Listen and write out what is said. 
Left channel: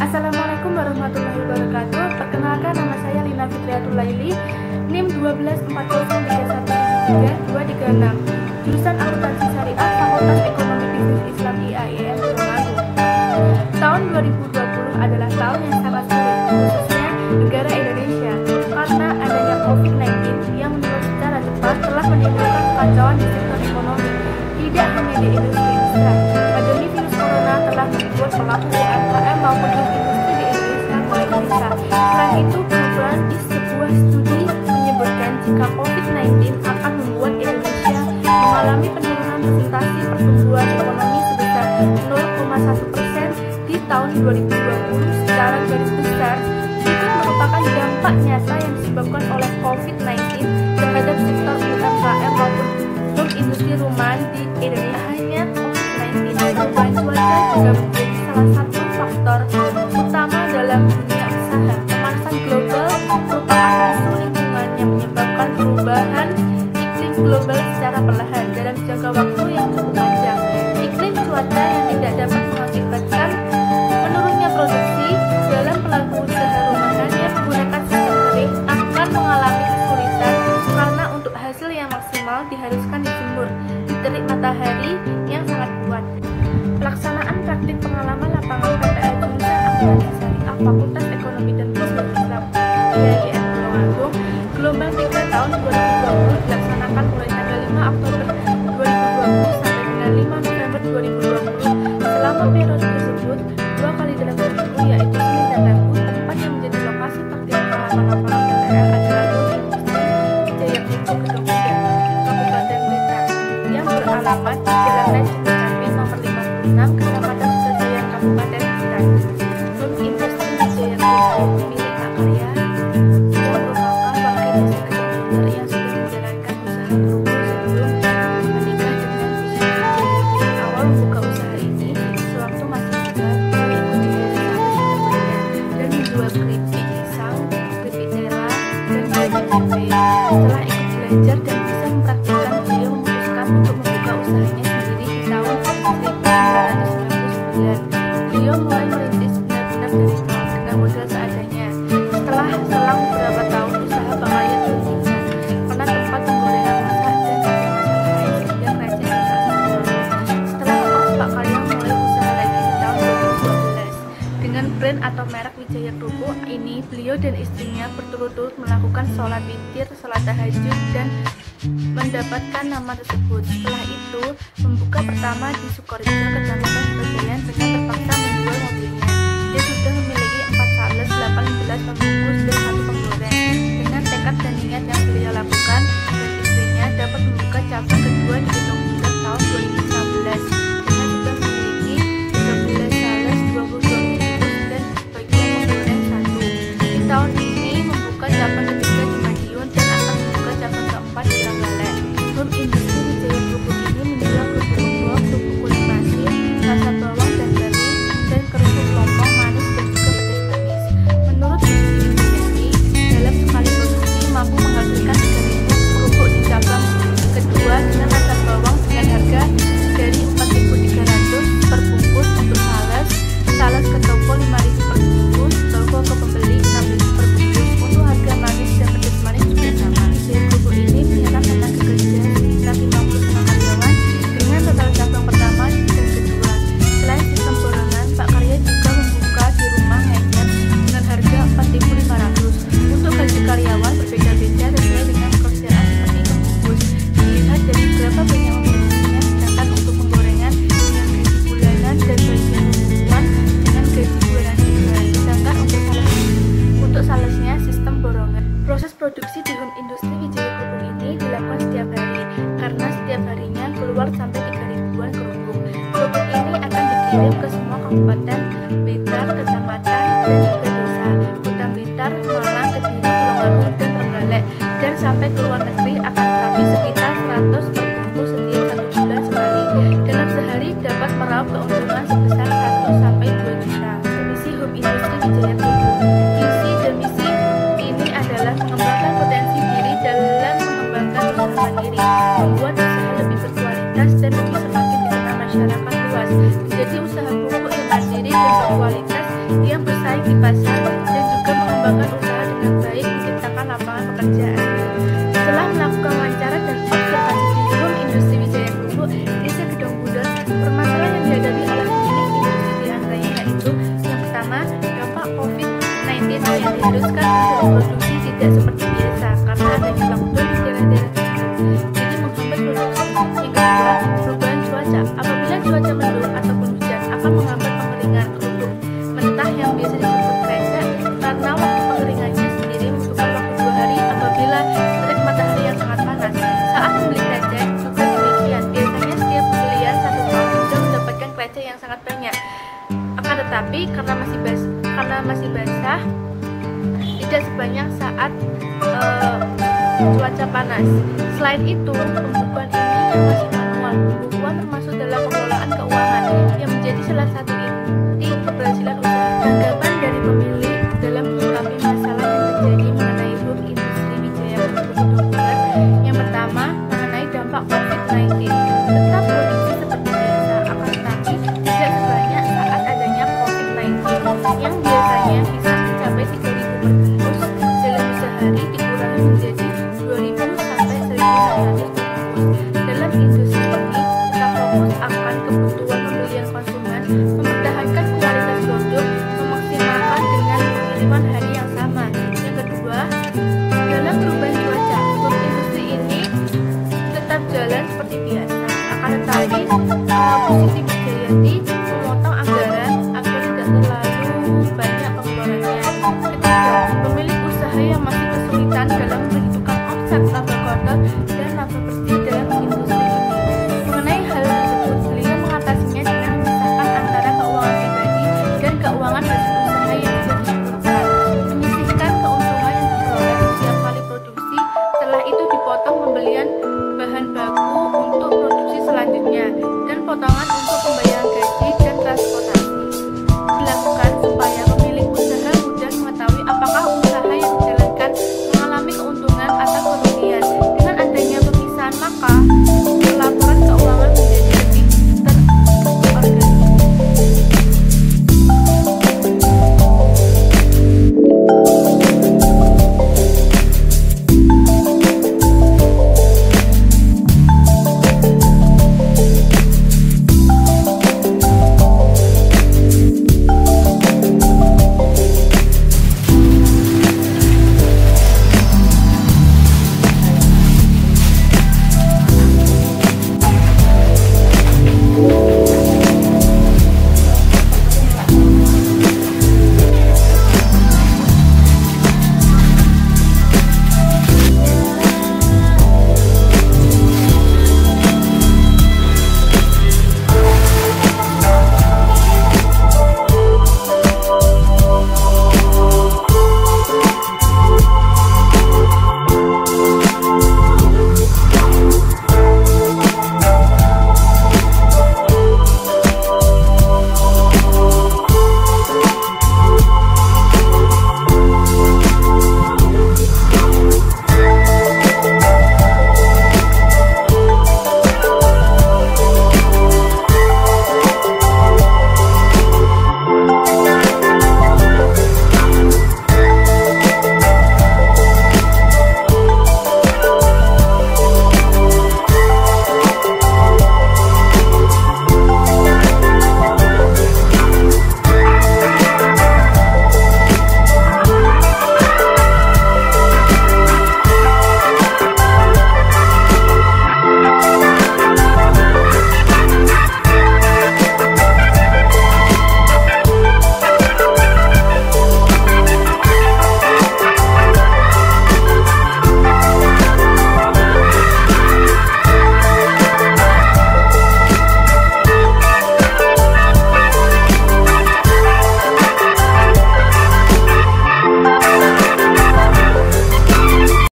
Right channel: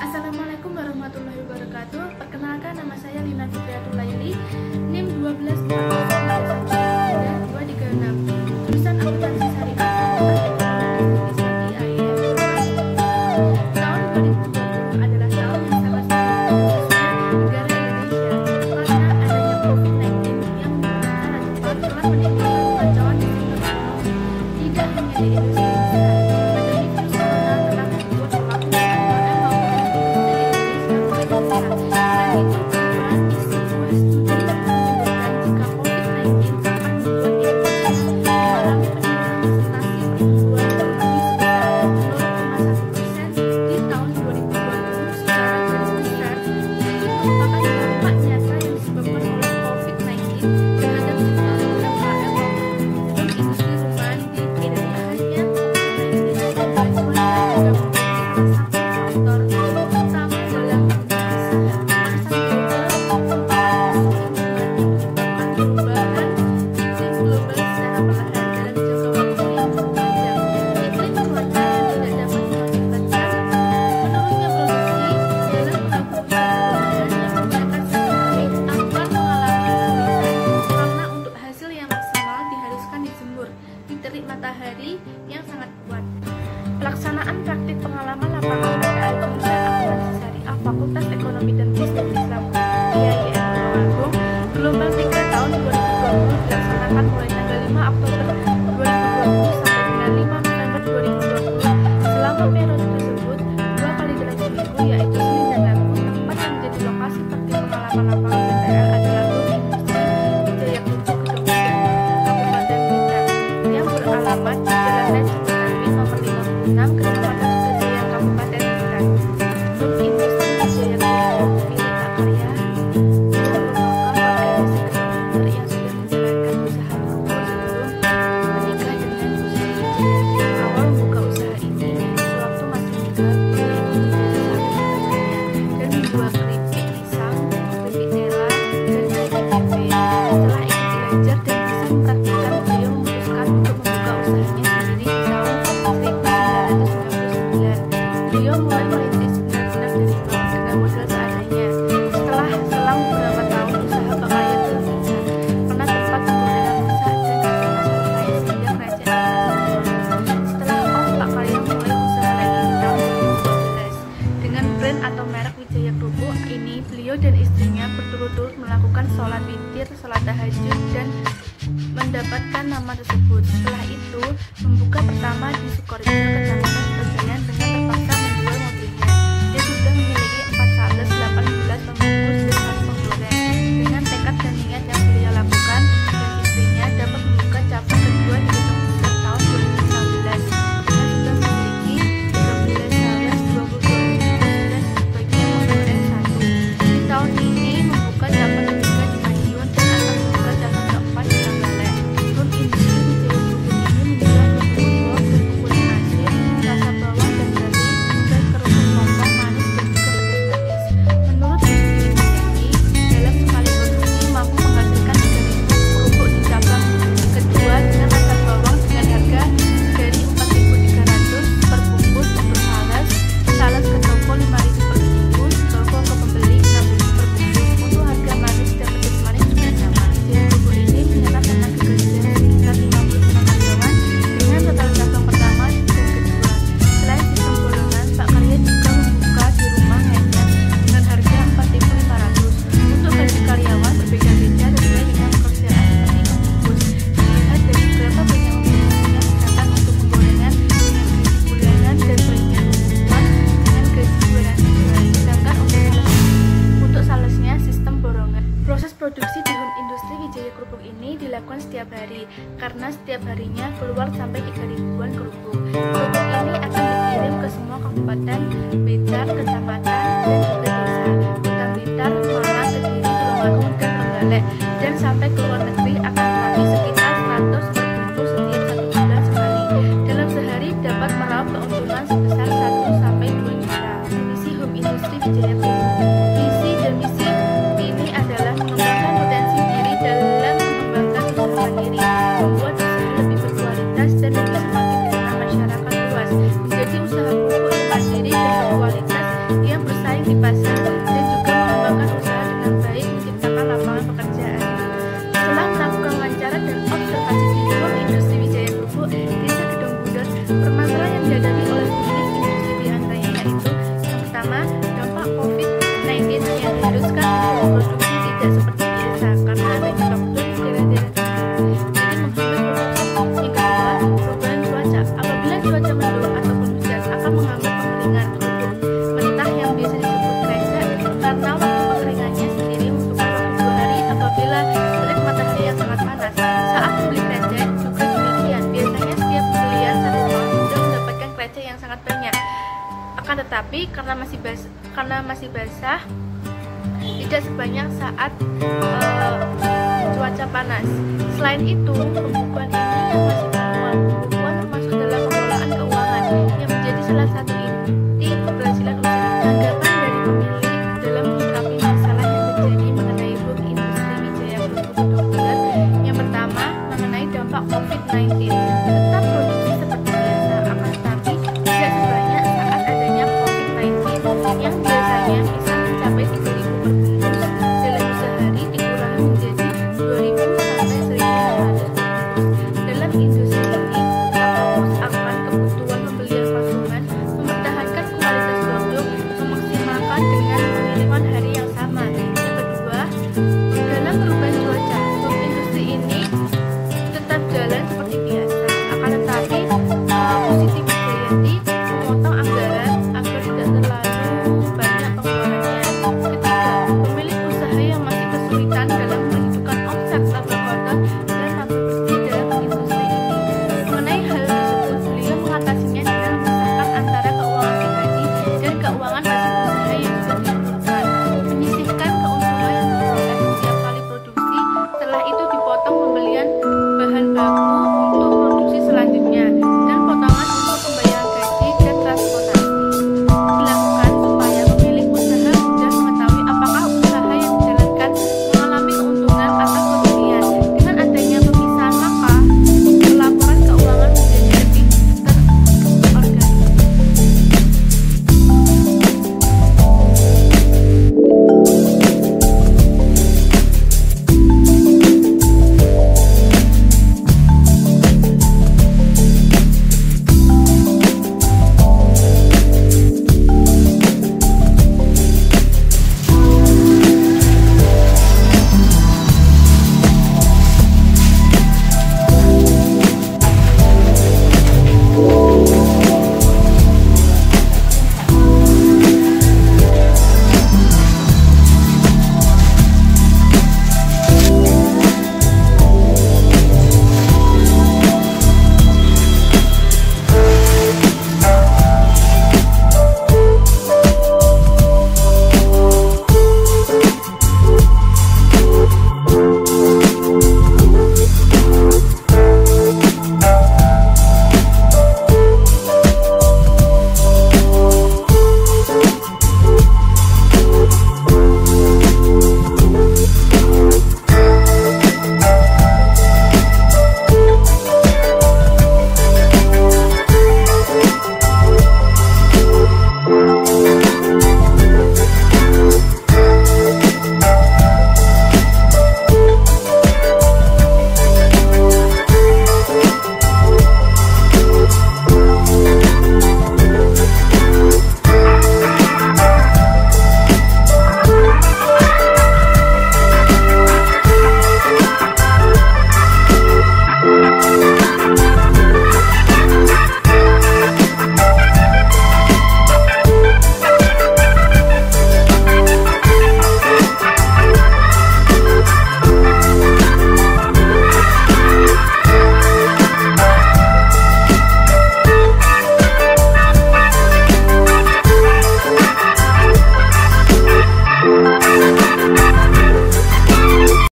Assalamualaikum warahmatullahi wabarakatuh. Perkenalkan, nama saya Lina Fitriatul Laili, NIM 12403173236, jurusan Akuntansi Syariah, Fakultas Ekonomi Bisnis Islam IAIN Tulungagung. Tahun 2020 adalah tahun yang sangat sulit, khususnya negara Indonesia, karena adanya COVID-19 yang menular secara cepat telah menimbulkan kekacauan di sektor ekonomi. Tidak hanya di industri besar, pandemi virus corona telah membuat pelaku UMKM maupun industri di Indonesia mulai gelisah. Selain itu, perubahan di sebuah studi menyebutkan jika COVID-19 akan membuat Indonesia mengalami penurunan persentase pertumbuhan ekonomi sebesar 0,1% di tahun 2020. Secara garis besar, berikut merupakan dampak nyata yang disebabkan oleh COVID-19 terhadap sektor UMKM maupun industri rumahan di Indonesia. Hanya COVID-19, perubahan cuaca juga menjadi salah satu faktor utama dalam dunia usaha. Pemanasan global merupakan isu lingkungan yang menyebabkan perubahan iklim global secara perlahan dalam jangka waktu yang cukup panjang. Iklim cuaca yang tidak dapat mengakibatkan menurunnya produksi dalam pelaku usaha rumahan yang menggunakan sistem kering akan mengalami kesulitan karena untuk hasil yang maksimal diharuskan dijemur di terik matahari yang sangat kuat. Pelaksanaan praktik pengalaman lapangan PPL jurusan Akuntansi Syariah Fakultas Ekonomi dan Bisnis Islam IAIN Tulungagung gelombang 3 tahun 2020 dilaksanakan mulai tanggal 5 Oktober 2020 sampai dengan 5 November 2020. Selama periode tersebut, 2 kali dalam seminggu, yaitu Senin dan Rabu. Tempat yang menjadi lokasi praktik pengalaman lapangan PPL adalah Home Industri Wijaya Group Gedong Muda, Kabupaten Blitar, yang beralamat di Jalan Leceng Witarwin nomor 56, Kecamatan Sudajayan, Kabupaten Blitar. Home Industri Wijaya Group milik Pak Karya yang merupakan warga desa Gedong Muda yang sudah menjalankan usaha kerupuk sebelum menikah dengan Susi Wijayanti. Awal membuka usaha ini, sewaktu masih muda, beliau ikut menjadi sales di temannya dan menjual keripik pisang, keripik tela, dan keripik tempe. Setelah ikut belajar dan bisa mempraktikkan, beliau memutuskan untuk membuka usahanya sendiri di tahun 1999. Beliau mulai merintis benar-benar dari nol dengan modal seadanya. Setelah selang beberapa tahun, usaha Pak Karya berhenti karena tempat penggorengan rusak dan ada masalah lain sehingga keranjang rusak semua. Setelah Pak Karya mulai usaha lagi di tahun 2012. Dengan brand atau merek Wijaya Kerupuk ini, beliau dan istrinya berturut-turut melakukan sholat witir, sholat tahajud, dan mendapatkan nama tersebut. Setelah itu, membuka pertama di Sukorejo, Kecamatan Sudajayan, dengan terpaksa menjual mobilnya. Dia sudah memiliki 4 sales, 18 pembungkus, dan 1 penggoreng. Dengan tekad dan niat yang beliau lakukan, dan istrinya dapat membuka cabang kedua di Gedong Muda tahun 2016. Dengan sudah memiliki 13 sales, 22 tahun ini membuka cabang ketiga di Madiun dan akan membuka cabang keempat di Trenggalek. Home Industri Wijaya Kerupuk ini menjual kerupuk buah, kerupuk kulit nasi, rasa bawang dan garing, dan kerupuk lompong manis dan juga pedas manis. Menurut Wijaya, dalam sekali produksi mampu menghasilkan 3.000 kerupuk di cabang kedua dengan rasa bawang dengan harga dari 4.300 per bungkus untuk sales ke toko 5.000 per bungkus, toko ke pembeli 6.000 per bungkus. Untuk harga manis dan pedas manis juga sama. Wijaya Kerupuk ini menyerap tenaga kerja sekitar 55 karyawan dengan total cabang pertama dan kedua. Selain sistem borongan, Pak Karya juga membuka di rumah hanya dengan harga 4.500. Untuk gaji karyawan berbeda-beda sesuai dengan pekerjaan seperti pembungkus. Dilihat dari berapa banyak pembungkusnya, sedangkan untuk penggorengan dengan gaji bulanan dan bagian pembukuan dengan gaji bulanan juga. Sedangkan untuk salesnya sistem borongan. Proses produksi di Home Industri Wijaya Kerupuk ini dilakukan setiap hari, karena setiap harinya keluar sampai 3.000-an kerupuk. Kerupuk ini akan dikirim ke semua kabupaten Blitar, kecamatan, dan juga desa, Kota Blitar, Malang, Kediri, Tulungagung, dan Trenggalek, dan sampai ke luar negeri akan tetapi sekitar 100 per bungkus setiap 1 bulan sekali. Dalam sehari dapat meraup keuntungan sebesar 1 sampai 2 juta. Misi Home Industri Wijaya Kerupuk. Visi dan misi ini adalah mengembangkan potensi diri dalam mengembangkan usaha mandiri, membuat usaha lebih berkualitas dan lebih semakin dikenal masyarakat luas, menjadi usaha pupuk yang mandiri dan berkualitas yang bersaing di pasar, dan juga mengembangkan usaha dengan baik, menciptakan lapangan pekerjaan. Setelah melakukan wawancara dan observasi di Home Industri Wijaya Krupuk, Desa Gedong Bunder, permasalahan yang dihadapi oleh pemilik industri diantaranya yaitu yang pertama, dampak COVID-19 yang diharuskan untuk memproduksi tidak seperti biasa karena adanya lockdown di daerah-daerah tertentu, jadi menghambat produksi. Yang kedua, perubahan cuaca. Apabila cuaca mendung ataupun hujan akan menghambat pengeringan kerupuk mentah yang biasa disebut krecek, karena waktu pengeringannya sendiri membutuhkan waktu 2 hari apabila terik matahari yang sangat panas. Saat membeli krecek juga demikian, biasanya setiap pembelian 1 ton sudah mendapatkan krecek yang sangat banyak. Akan tetapi karena masih basah tidak sebanyak saat cuaca panas. Selain itu, pembukuan ini yang masih manual. Pembukuan termasuk dalam pengelolaan keuangan yang menjadi salah satu inti keberhasilan usaha. Tanggapan dari pemilik dalam menyikapi masalah yang terjadi mengenai Home Industri Wijaya Krupuk Gedong Bunder. Yang pertama, mengenai dampak COVID-19. Tetap produksi seperti biasa, akan tetapi tidak sebanyak saat adanya COVID-19 yang biasanya bisa mencapai 3.000 per bungkus, dalam sehari dikurangi menjadi 2.000 sampai 1.600 per bungkus. Dalam industri ini tetap fokus akan kebutuhan pembelian konsumen, mempertahankan kualitas produk, memaksimalkan dengan pengiriman hari yang sama. Yang kedua, dalam perubahan cuaca, Home Industri ini tetap jalan seperti biasa, akan tetapi Bu Siti Wijayati memotong anggaran agar tidak terlalu banyak pengeluarannya. Ketiga, pemilik usaha yang masih kesulitan dalam perhitungan omset, laba kotor dan laba bersih dalam industri ini. Mengenai hal tersebut, beliau mengatasinya dengan memisahkan antara keuangan pribadi dan keuangan hasil usaha yang sudah diperlukan, menyisihkan keuntungan yang diperoleh setiap kali produksi, setelah itu dipotong pembelian bahan baku untuk produksi selanjutnya, dan potongan untuk pembayaran gaji dan transportasi.